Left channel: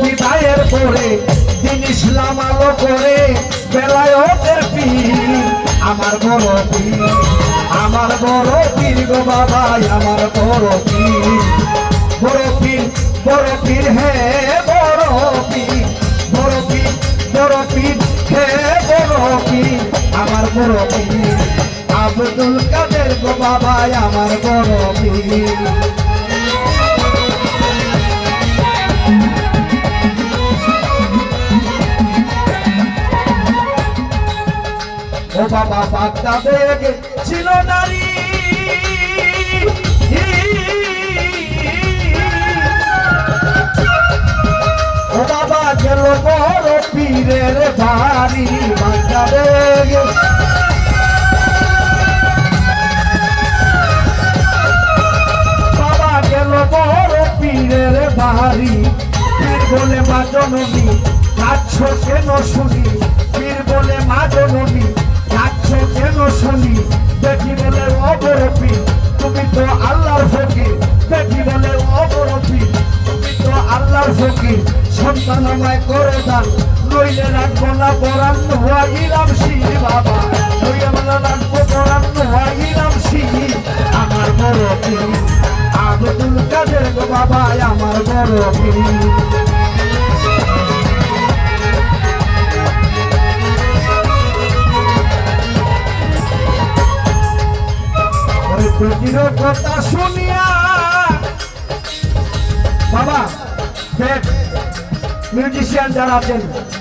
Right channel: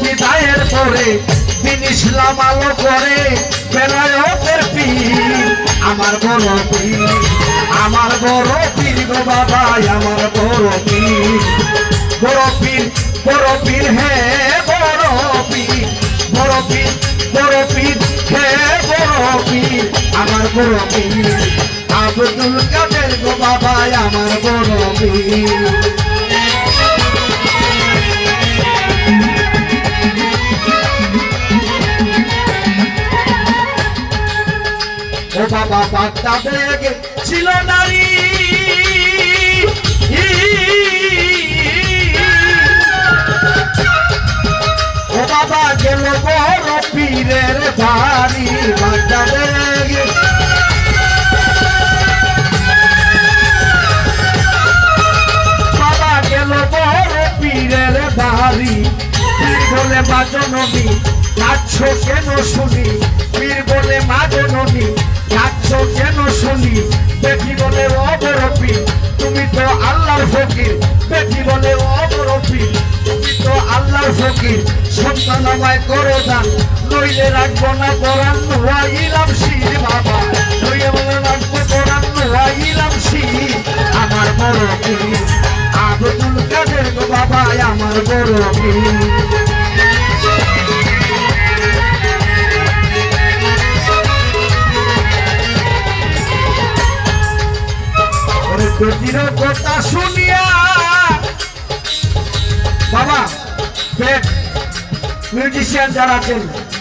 বিদায়ের পরে দিন ইসলাম আলো করে বেলায়েতের পীর আমার বড় পীর, আমার বড় পীর গো বাবা আমার বড় পীর, বড় পীর বড় পীর হে বড় পীর, বড় পীর বড় পীর হে বড় পীর আমার বড় পীর আব্দুল কাদের গো বাবা আমার বড় পীর। ও বাবা বাগদাদে ছিল নারী, ও বাবা গেল বড় পীরের বাড়ি বাগদাদে, বাবা গেল বড় পীরের বাড়ি, পীর বলে মা জননী যাচ্ছ কেন শুনি, পীর বলে মা জননী যাচ্ছ কেন শুনি, বেটি বলে ও বড় পীর তুমি তো আল্লাহর ফকির, বেটি বলে ও বড় পীর তুমি তো আল্লাহর ফকির, সন্তান আমায় করো দান নইলে রাখবো না পরাণ ইলাম শির বাবা, নইলে বলে রাখবো পরাণ ইলাম শির আমার বড় পীর আব্দুল কাদের গো বাবা আমার বড় পীর। বেটির কথা শুনিয়া বাবা মিউজিশিয়ান যারা আছেন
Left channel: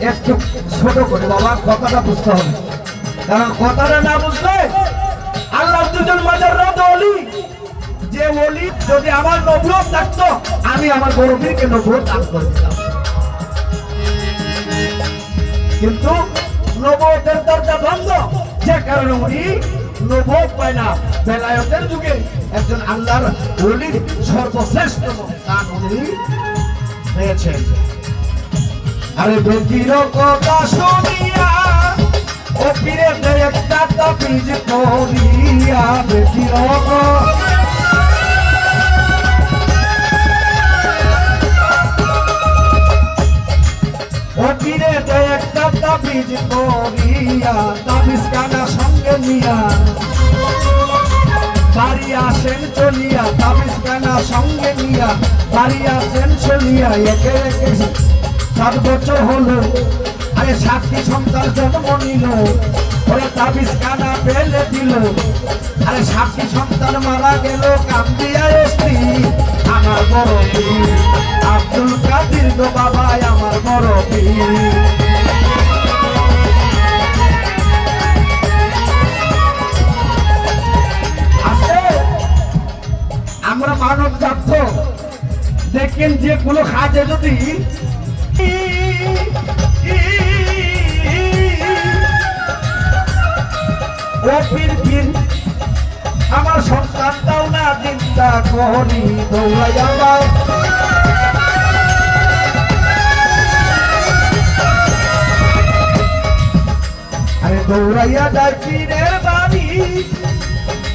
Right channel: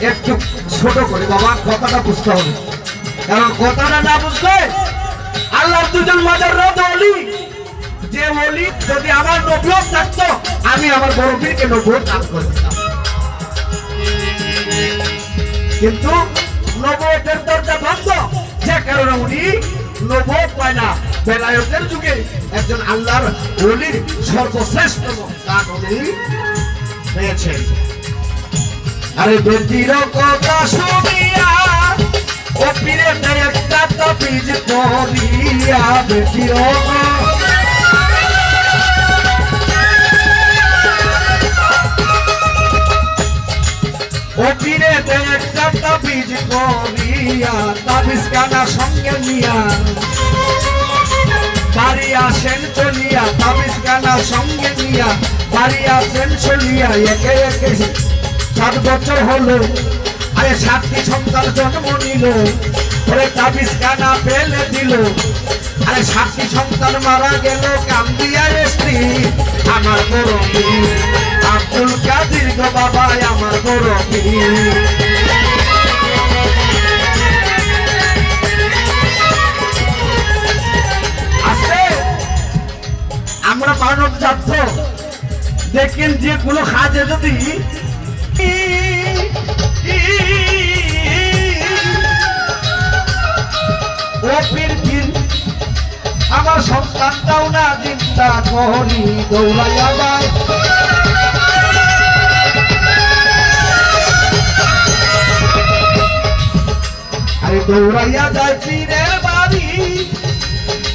একটু ছোট করে বাবা কথাটা বুঝতে হবে, কারণ কথাটা না বুঝলে আল্লাহর দুজন মাজার রাত অলি যে বলি যদি আমার নবুয়ত থাকতো আমি আমার বড় পীরকে নবুয়ত দান করতাম, কিন্তু নবুয়তের দরজা বন্ধ যে কারণে উনি নবুয়ত পায় না। বেলায়েতের যুগে একজন আল্লাহর ওলির সর্বশ্রেষ্ঠ দান উনি পেয়েছেন। আরে বেটির কথা শুনিয়া ও পীরে একটা তাবিজ করিয়া, বেটির ও পীরে একটা তাবিজ করিয়া, তাবিজ কানা সঙ্গে নিয়া বাড়ি আসেন চলিয়া, তাবিজ কানা সঙ্গে নিয়া বাড়ি আসেন চলিয়া, একে একে 7 বছর হলো, আরে 7টি সন্তান জন্ম নিল, ওরে তাবিজ কানা ফেলে দিল, আরে 7টি সন্তান মারা গেল কান্দিয়া স্ত্রী আমার বড় পীর আব্দুল কাদের গো বাবা আমার বড় পীর। আমরা মানব জাত দেখেন যে কোনো কাজে যদি ও পীর পীর আমার সন্তানটাও না চিন্তা করি দৌড়াইয়া যায়, আরে দৌড়াইয়া যায় পীরের বাড়ি,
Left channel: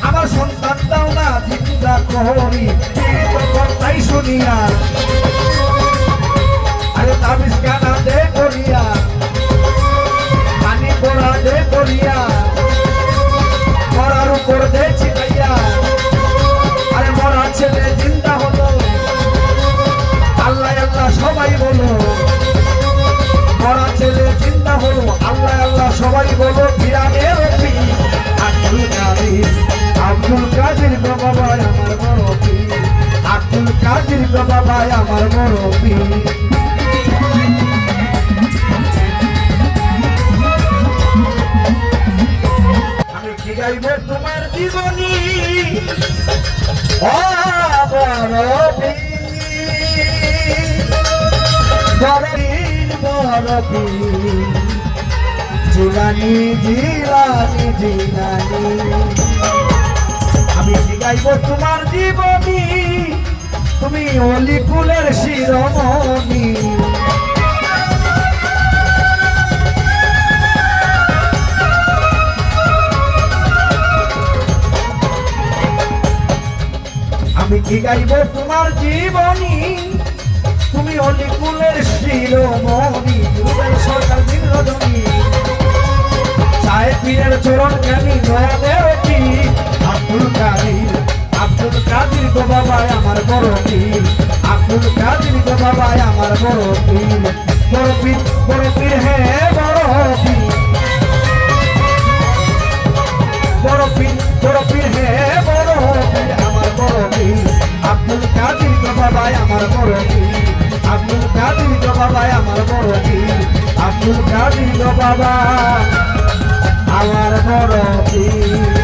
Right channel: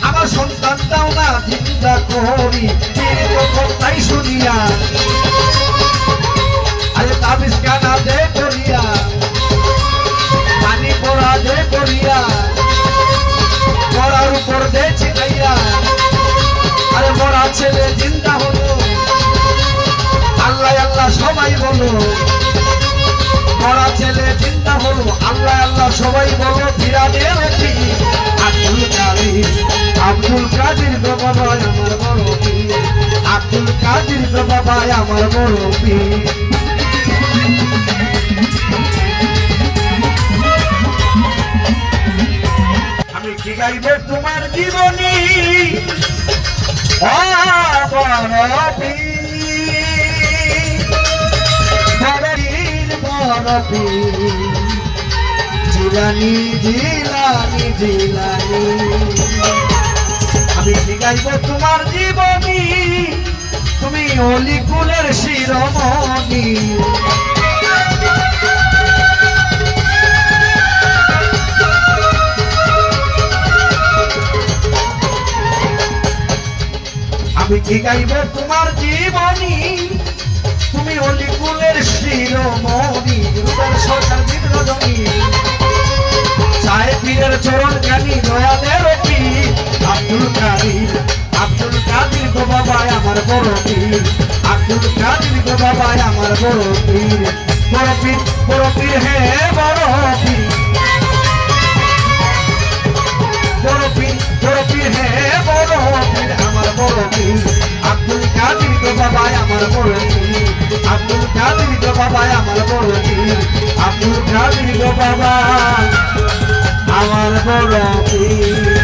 আমার সন্তানটাও না চিন্তা করি পীর তো কথাই শুনিয়া, আরে তাবিজ কানা দে করিয়া পানি পড়া দে করিয়া মরার উপর দে ছিটাইয়া, আরে মরা ছেলে চিন্তা হলো আল্লাহ আল্লাহ সবাই বলো, মরা ছেলে চিন্তা হলো আল্লাহ আল্লাহ সবাই বলো, ফিরানের আব্দুল কাদের আব্দুল কাদের গো বাবা আমার বড় পীর আব্দুল কাদের গো বাবা আমার বড় পীর। আমি কি গাইব তোমার জীবনী বড় পীর বড় পীর জিলানি জিলানি জিলানি, আমি কি গাইব তোমার জীবনী তুমি অলি কুলের শিরোমণি, আমি কি গাইব তোমার জীবনী তুমি অলি কুলের আমার বড় পীর আব্দুল কাদের গো বাবা আমার বড় পীর আব্দুল কাদের গো বাবা আমার বড় পীর